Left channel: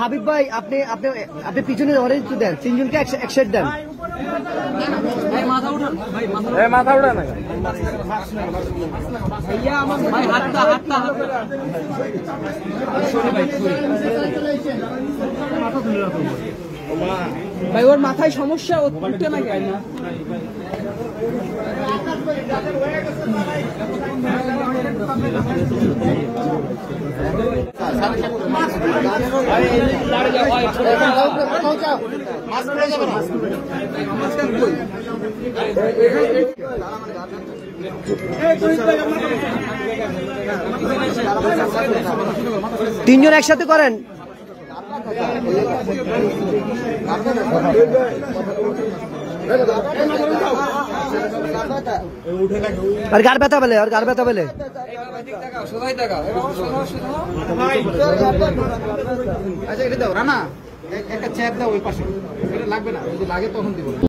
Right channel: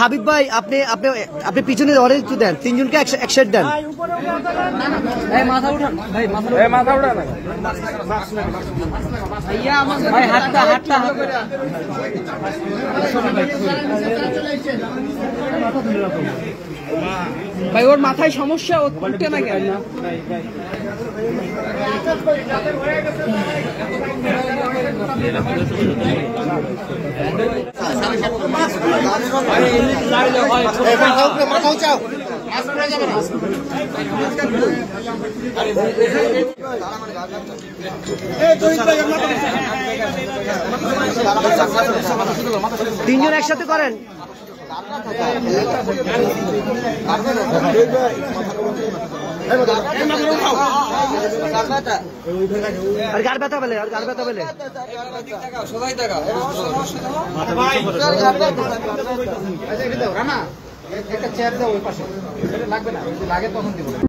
হাবিব ভাই আপনি আপনি আপনি পিছনে অরেঞ্জ দেন, তিনজনকে এক সেট দেন। মাথা উঠা ভাই, ওর মাথায় সমস্যা, ও উঠতে না কেন? তিনজন একসাথে করেন। আর গাড় ব্যথা পেলে, আর গাড় ব্যথা পেলে একটা চেয়ার দাও ওই পাশে, লাগবে না, লাগে তখন দিব।